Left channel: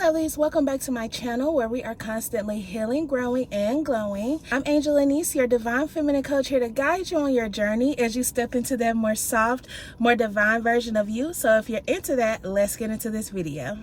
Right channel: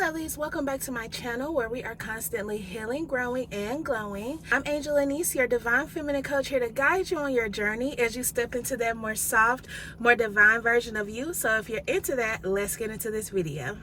Lovelies, welcome back to my channel where we are constantly healing, growing, and glowing. I'm Angel.lenise, your divine feminine coach, here to guide you on your journey as you step into that more soft, more divine version of you. So if you're into that, let's get into this video.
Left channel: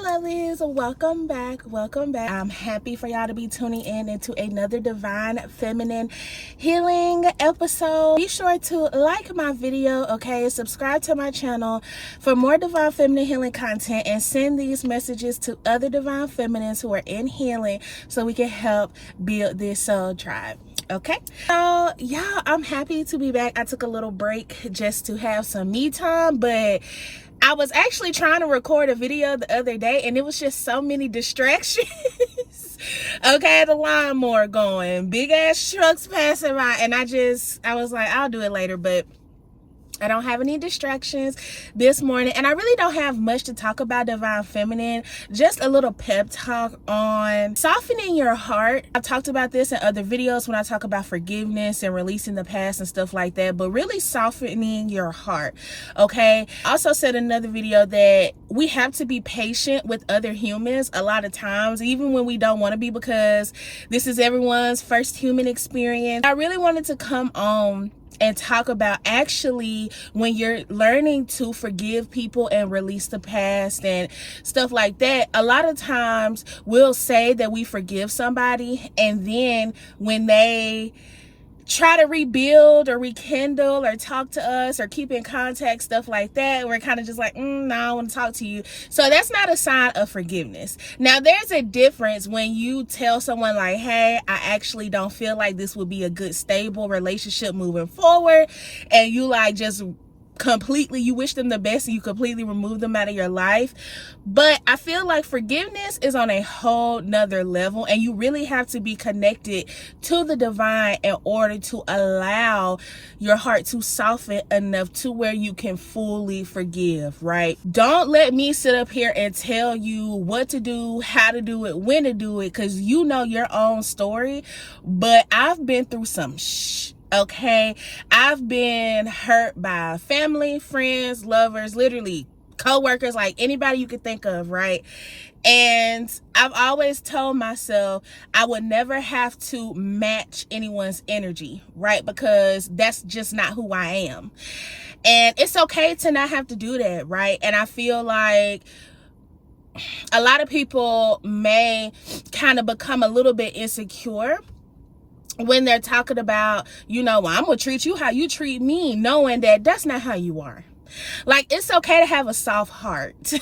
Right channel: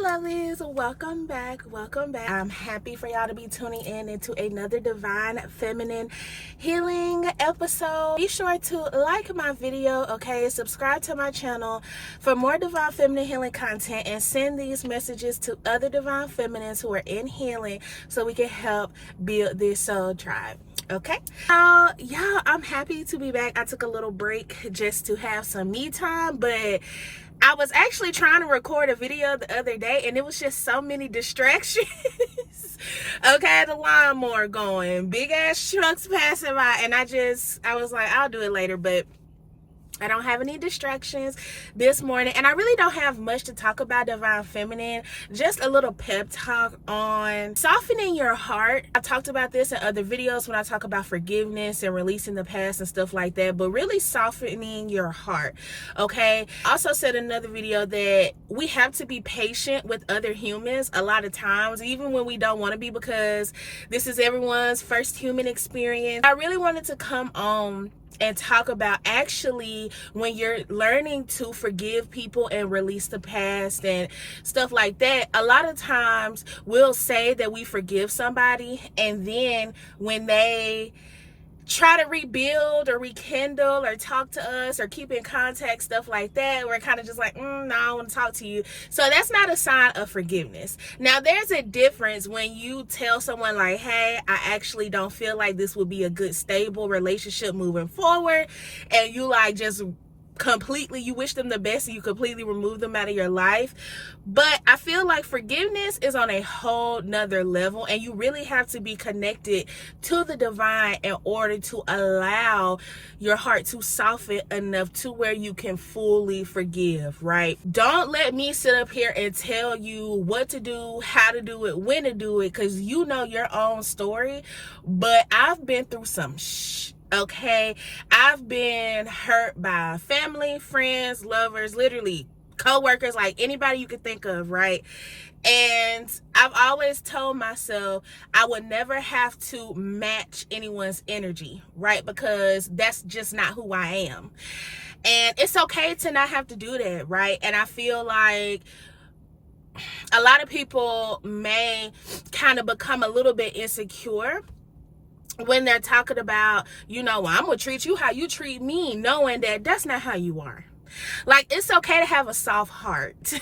Lovelies, welcome back. I'm happy for y'all to be tuning in into another divine feminine healing episode. Be sure to like my video, okay, subscribe to my channel for more divine feminine healing content, and send these messages to other divine feminines who are in healing so we can help build this soul tribe. Okay, so yeah, I'm happy to be back. I took a little break just to have some me time, but I was actually trying to record a video the other day and it was just so many distractions. Okay, the lawnmower going, big ass trucks passing by, and I was like, I'll do it later, but I don't have any distractions this morning, and I really don't have much to talk about divine feminine. Just a little pep talk on softening your heart. I've talked about this in other videos when I talk about forgiveness and releasing the past and stuff like that, but really softening your heart, okay? I also said in another video that we have to be patient with other humans a lot of times, even when we don't want to be, because this is everyone's first human experience. I really wanted to come on and talk about actually when you're learning to forgive people and release the past and stuff like that. A lot of times we'll say that we forgive somebody, and then when they try to rebuild or rekindle or talk to us or keep in contact, stuff like that, we're kind of just like, no, I want to talk to you. So that's not a sign of forgiveness. Now, there's a difference when you tell someone like, hey, I actually don't feel like this would be a good, stable relationship moving forward, and you like just completely, you wish them the best and you completely remove them out of your life. But I feel like forgiveness is on a whole nother level, and you really have to be connected to the divine in order to allow your heart to soften enough to where you can fully forgive, right? Don't let me sit up here and tell you what to do, how to do it, when to do it, because you know your own story. But I've been through some okay, I've been hurt by family, friends, lovers, literally co-workers, like anybody you could think of, right? And I've always told myself I would never have to match anyone's energy, right? Because that's just not who I am. And it's okay to not have to do that, right? And I feel like a lot of people may kind of become a little bit insecure when they're talking about, you know, well, I'm gonna treat you how you treat me, knowing that that's not how you are. Like, it's okay to have a soft heart.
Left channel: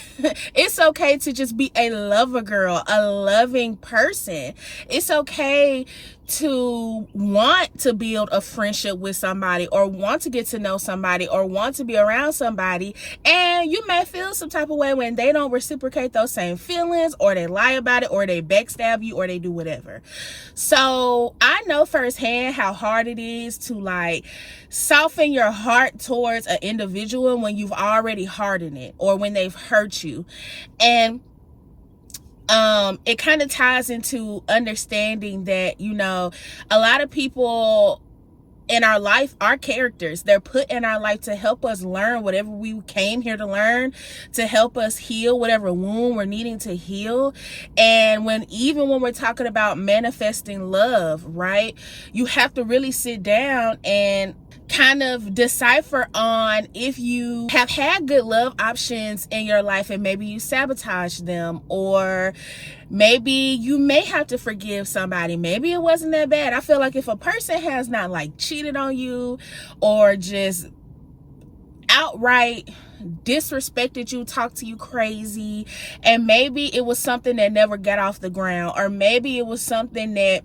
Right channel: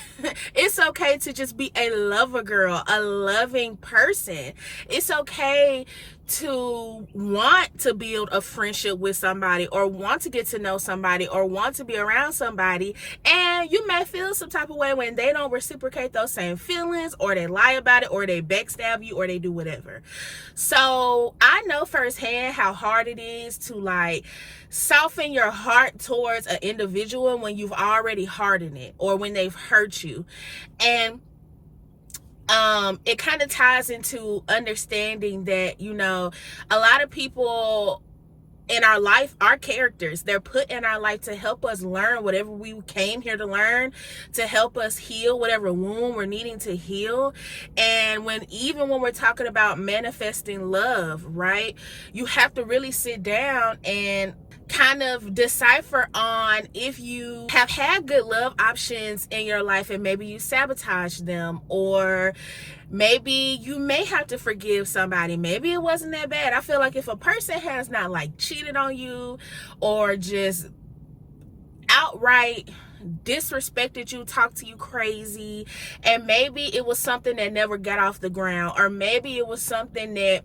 It's okay to just be a lover girl, a loving person. It's okay to want to build a friendship with somebody, or want to get to know somebody, or want to be around somebody, and you may feel some type of way when they don't reciprocate those same feelings, or they lie about it, or they backstab you, or they do whatever. So I know firsthand how hard it is to like soften your heart towards an individual when you've already hardened it, or when they've hurt you. And it kind of ties into understanding that, you know, a lot of people in our life are characters. They're put in our life to help us learn whatever we came here to learn, to help us heal whatever wound we're needing to heal. And even when we're talking about manifesting love, right, you have to really sit down and kind of decipher on if you have had good love options in your life and maybe you sabotage them, or maybe you may have to forgive somebody. Maybe it wasn't that bad. I feel like if a person has not like cheated on you, or just outright disrespected you, talked to you crazy, and maybe it was something that never got off the ground, or maybe it was something that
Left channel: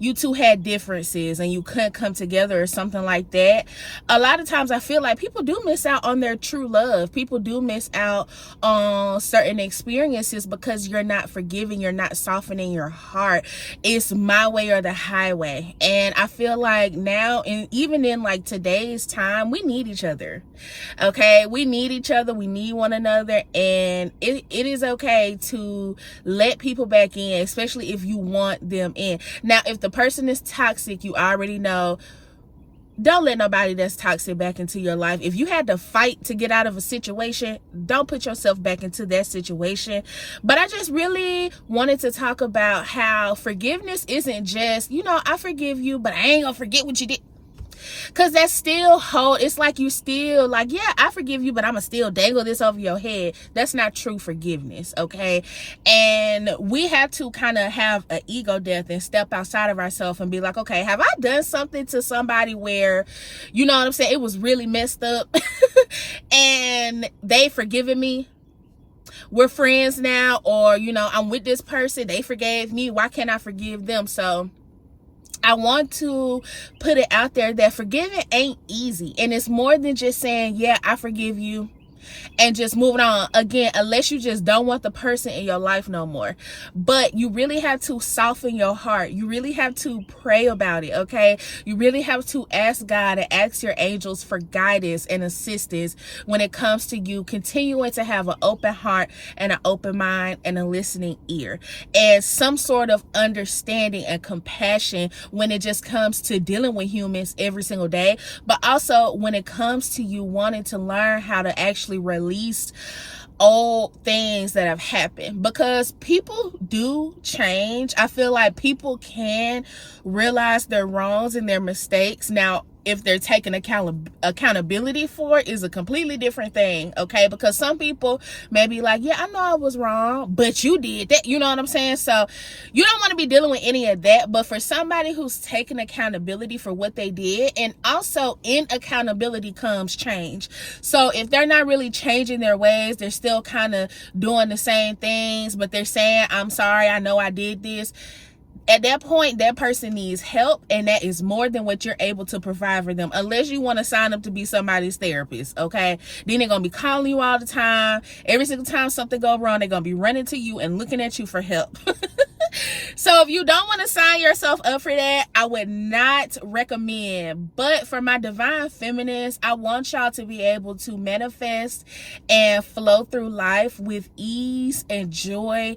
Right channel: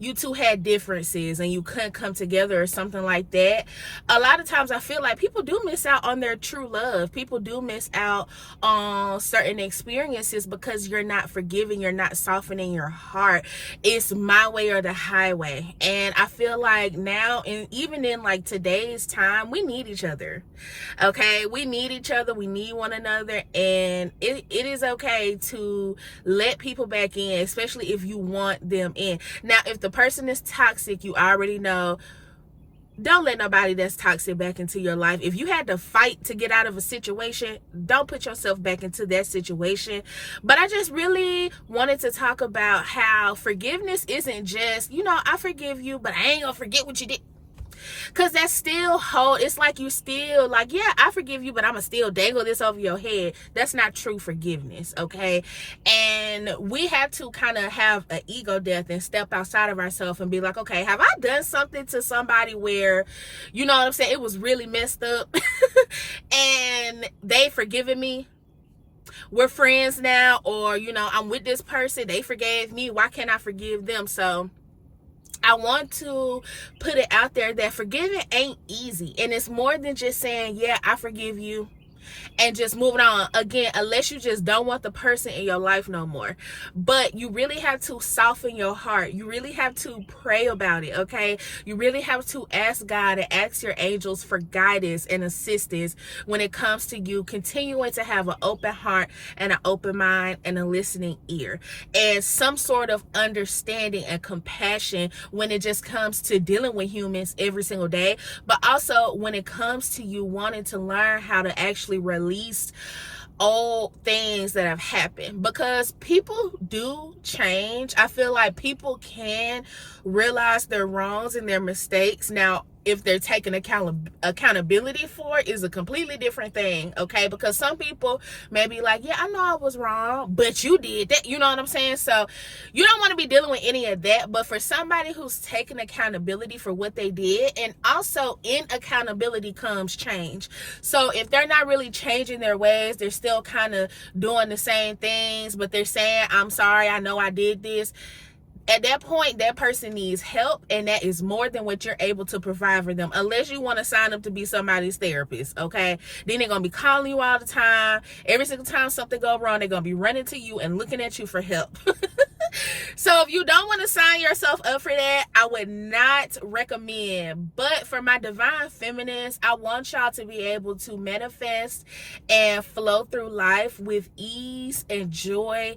you two had differences and you couldn't come together, or something like that. A lot of times I feel like people do miss out on their true love. People do miss out on certain experiences because you're not forgiving, you're not softening your heart. It's my way or the highway. And I feel like now, and even in like today's time, we need each other. Okay, we need each other, we need one another, and it is okay to let people back in, especially if you want them in. Now, if the person is toxic, you already know don't let nobody that's toxic back into your life. If you had to fight to get out of a situation, don't put yourself back into that situation. But I just really wanted to talk about how forgiveness isn't just, I forgive you, but I ain't gonna forget what you did. Because that's still it's like you still like, yeah, I forgive you, but I'm gonna still dangle this over your head. That's not true forgiveness, okay? And we have to kind of have an ego death and step outside of ourselves and be like, okay, have I done something to somebody where, you know what I'm saying, it was really messed up and they forgiven me? We're friends now, or I'm with this person, they forgave me, why can't I forgive them? So I want to put it out there that forgiving ain't easy. And it's more than just saying, yeah, I forgive you, and just moving on. Again, unless you just don't want the person in your life no more. But you really have to soften your heart. You really have to pray about it, okay? You really have to ask God and ask your angels for guidance and assistance when it comes to you continuing to have an open heart and an open mind and a listening ear. And some sort of understanding and compassion when it just comes to dealing with humans every single day. But also when it comes to you wanting to learn how to actually release old things that have happened, because people do change. I feel like people can realize their wrongs and their mistakes. Now, if they're taking accountability for it is a completely different thing, okay? Because some people may be like, yeah, I know I was wrong, but you did that, you know what I'm saying? So you don't want to be dealing with any of that. But for somebody who's taking accountability for what they did, and also in accountability comes change. So if they're not really changing their ways, they're still kind of doing the same things, but they're saying, I'm sorry, I know I did this. At that point, that person needs help, and that is more than what you're able to provide for them, unless you want to sign up to be somebody's therapist, okay? Then they're going to be calling you all the time. Every single time something goes wrong, they're going to be running to you and looking at you for help. So if you don't want to sign yourself up for that, I would not recommend. But for my divine feminists, I want y'all to be able to manifest and flow through life with ease and joy,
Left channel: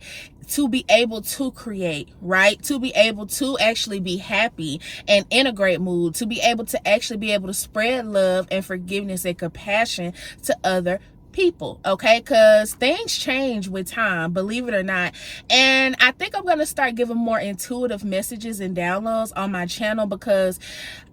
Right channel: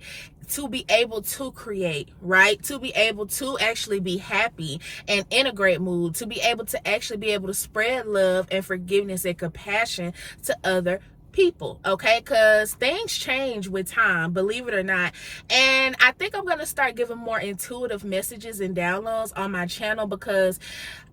to be able to create, right? To be able to actually be happy and in a great mood, to be able to spread love and forgiveness and compassion to other people, okay? Because things change with time, believe it or not. And I think I'm going to start giving more intuitive messages and downloads on my channel, because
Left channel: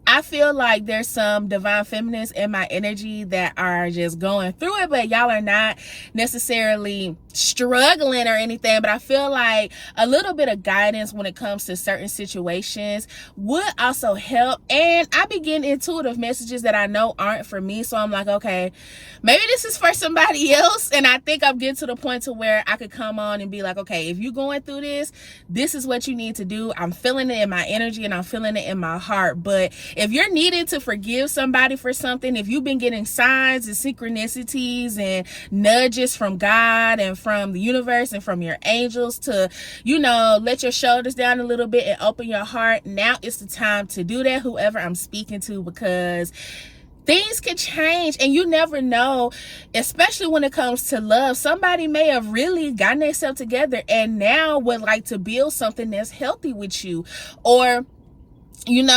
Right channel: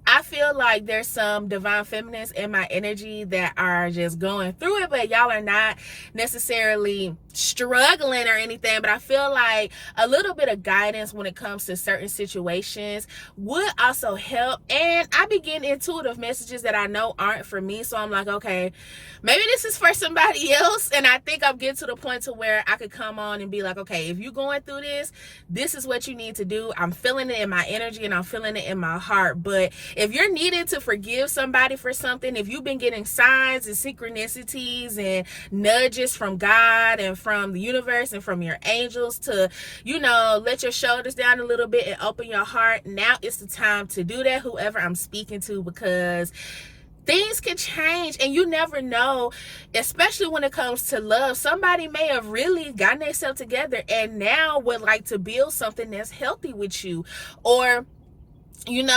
I feel like there's some divine feminists in my energy that are just going through it, but y'all are not necessarily struggling or anything. But I feel like a little bit of guidance when it comes to certain situations would also help. And I be getting intuitive messages that I know aren't for me. So I'm like, okay, maybe this is for somebody else. And I think I'm getting to the point to where I could come on and be like, okay, if you're going through this, this is what you need to do. I'm feeling it in my energy and I'm feeling it in my heart. But if you're needing to forgive somebody for something, if you've been getting signs and synchronicities and nudges from God and from the universe and from your angels to, let your shoulders down a little bit and open your heart, now it's the time to do that, whoever I'm speaking to, because things can change and you never know, especially when it comes to love. Somebody may have really gotten themselves together and now would like to build something that's healthy with you. Or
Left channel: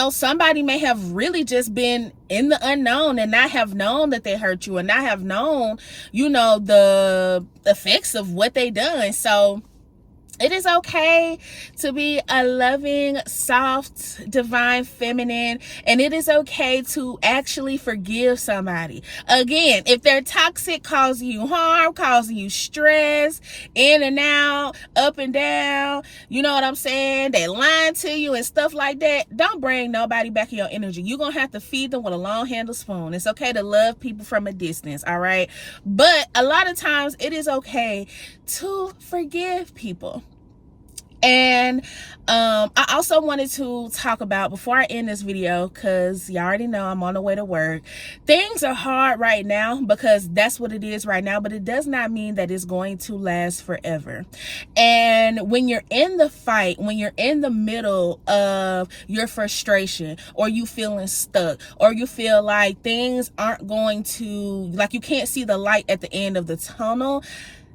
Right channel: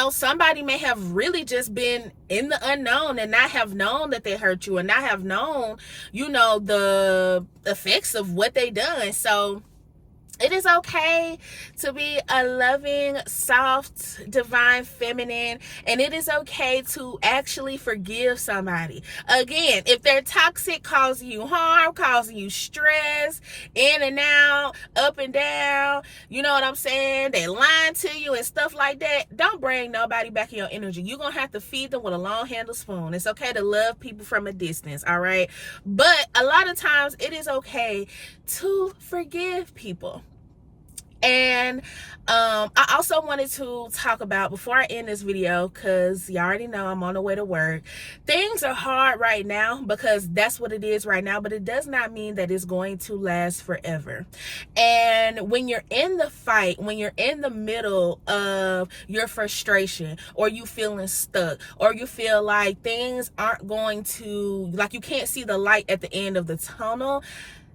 somebody may have really just been in the unknown and not have known that they hurt you and not have known, the effects of what they done. So it is okay to be a loving, soft, divine feminine, and it is okay to actually forgive somebody. Again, if they're toxic, causing you harm, causing you stress, in and out, up and down, you know what I'm saying? They lying to you and stuff like that. Don't bring nobody back in your energy. You're going to have to feed them with a long handle spoon. It's okay to love people from a distance, all right? But a lot of times it is okay to forgive people. And I also wanted to talk about, before I end this video, because you already know I'm on the way to work, things are hard right now because that's what it is right now, but it does not mean that it's going to last forever. And when you're in the fight, when you're in the middle of your frustration, or you feeling stuck, or you feel like things aren't going to, like you can't see the light at the end of the tunnel,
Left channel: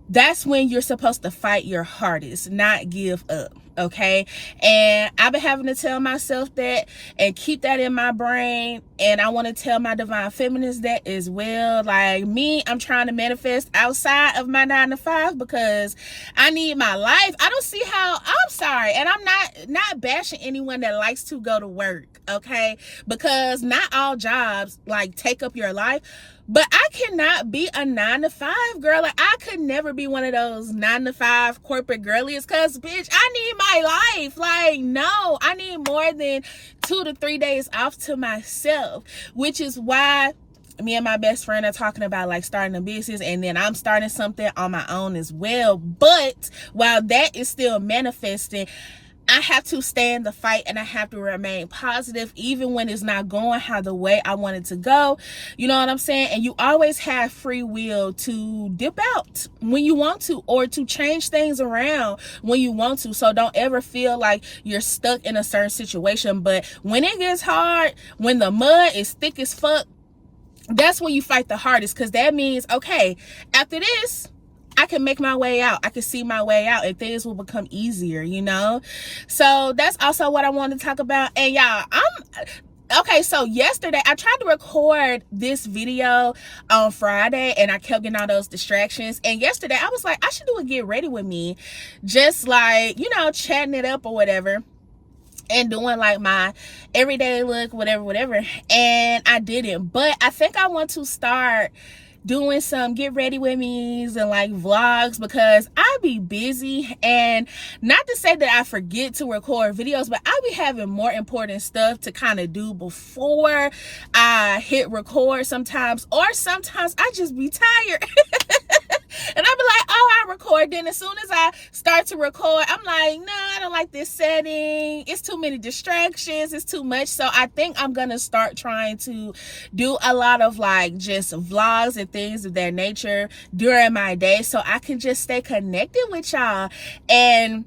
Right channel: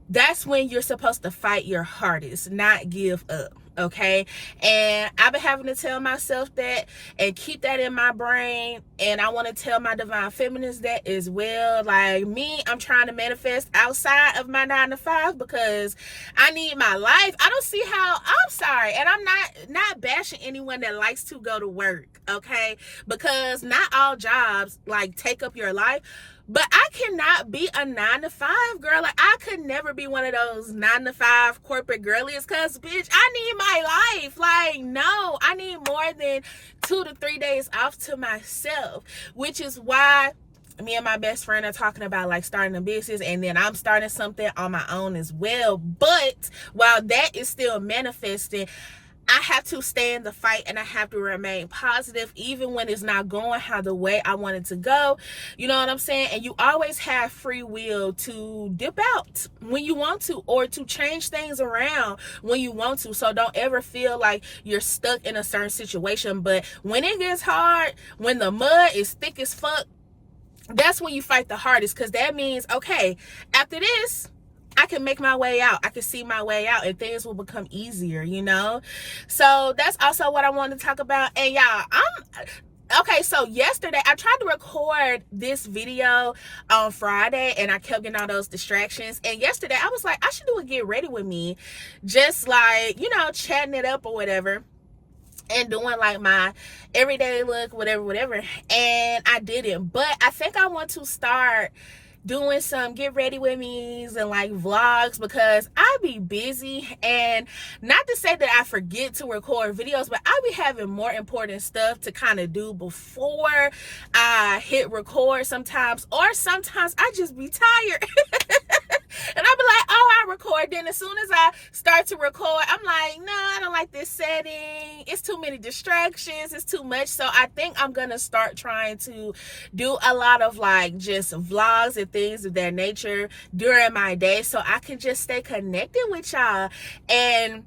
that's when you're supposed to fight your hardest, not give up. Okay, and I've been having to tell myself that and keep that in my brain, and I want to tell my divine feminists that as well. Like me, I'm trying to manifest outside of my 9 to 5 because I need my life. I don't see how, I'm sorry, and I'm not bashing anyone that likes to go to work, okay, because not all jobs like take up your life. But I cannot be a 9 to 5 girl. Like, I could never be one of those 9 to 5 corporate girlies, because bitch, I need my life. Like, no, I need more than 2 to 3 days off to myself, which is why me and my best friend are talking about like starting a business, and then I'm starting something on my own as well. But while that is still manifesting, I have to stay in the fight, and I have to remain positive even when it's not going how the way I want it to go. You know what I'm saying? And you always have free will to dip out when you want to, or to change things around when you want to. So don't ever feel like you're stuck in a certain situation. But when it gets hard, when the mud is thick as fuck, that's when you fight the hardest, because that means, okay, after this, I can make my way out. I can see my way out, and things will become easier, you know? So that's also what I want to talk about. And y'all, okay, so yesterday I tried to record this video on Friday, and I kept getting all those distractions. And yesterday I was like, I should do a get ready with me, just like, you know, chatting it up or whatever, and doing like my everyday look, whatever. And I didn't, but I think I want to start doing some get ready with me's and like vlogs, because I be busy. And not to say that I forget to record videos, but I be having more important stuff to kind of do before I hit record sometimes, or sometimes I just be tired. And I'll be like, oh, I record. Then as soon as I start to record, I'm like, no, I don't like this setting. It's too many distractions. It's too much. So I think I'm going to start trying to do a lot of like just vlogs and things of that nature during my day, so I can just stay connected with y'all and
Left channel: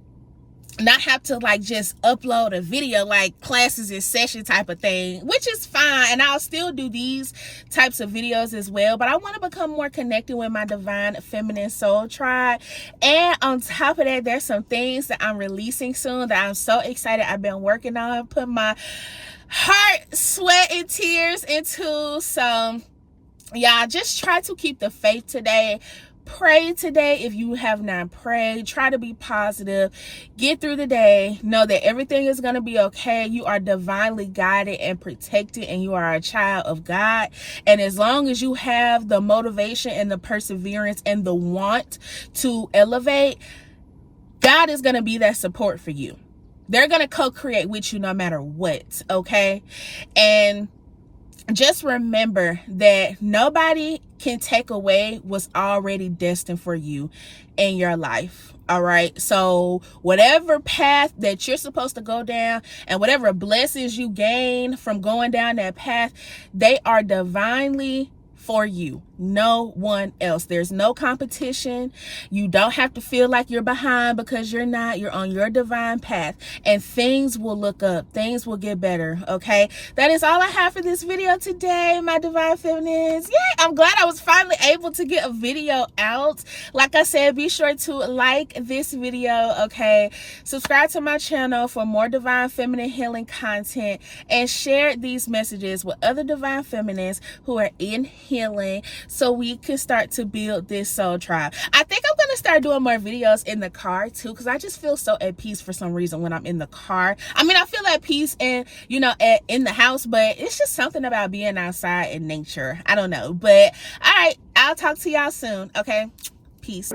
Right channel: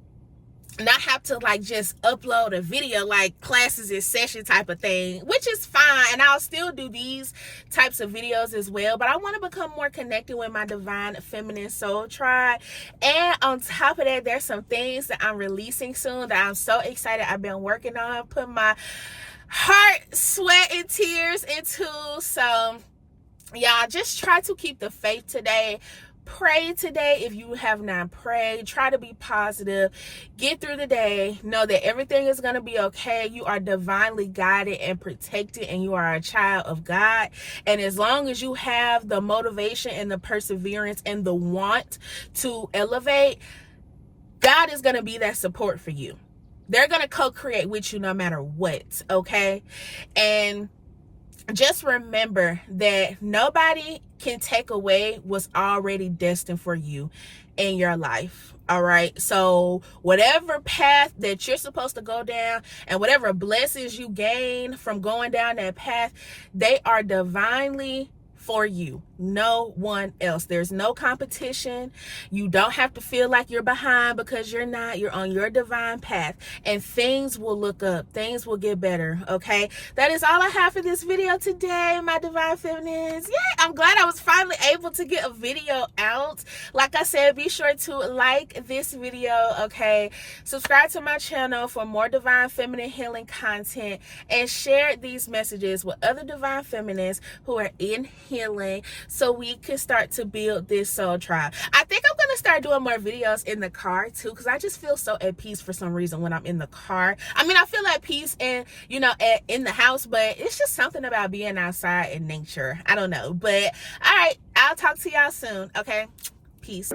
not have to like just upload a video like classes in session type of thing, which is fine. And I'll still do these types of videos as well, but I want to become more connected with my divine feminine soul tribe. And on top of that, there's some things that I'm releasing soon that I'm so excited. I've been working on, putting my heart, sweat, and tears into. So y'all, just try to keep the faith today. Pray today if you have not prayed. Try to be positive. Get through the day. Know that everything is going to be okay. You are divinely guided and protected, and you are a child of God. And as long as you have the motivation and the perseverance and the want to elevate, God is going to be that support for you. They're going to co-create with you no matter what, okay? And just remember that nobody can take away what's already destined for you in your life. All right. So whatever path that you're supposed to go down, and whatever blessings you gain from going down that path, they are divinely for you, no one else. There's no competition. You don't have to feel like you're behind, because you're not. You're on your divine path, and things will look up. Things will get better, okay? That is all I have for this video today, my divine feminines. Yeah, I'm glad I was finally able to get a video out. Like I said, be sure to like this video, okay? Subscribe to my channel for more divine feminine healing content, and share these messages with other divine feminists who are in healing, so we can start to build this soul tribe. I think I'm going to start doing more videos in the car too, because I just feel so at peace for some reason when I'm in the car. I mean, I feel at peace in, you know, in the house, but it's just something about being outside in nature. I don't know, but all right, I'll talk to y'all soon, okay? Peace.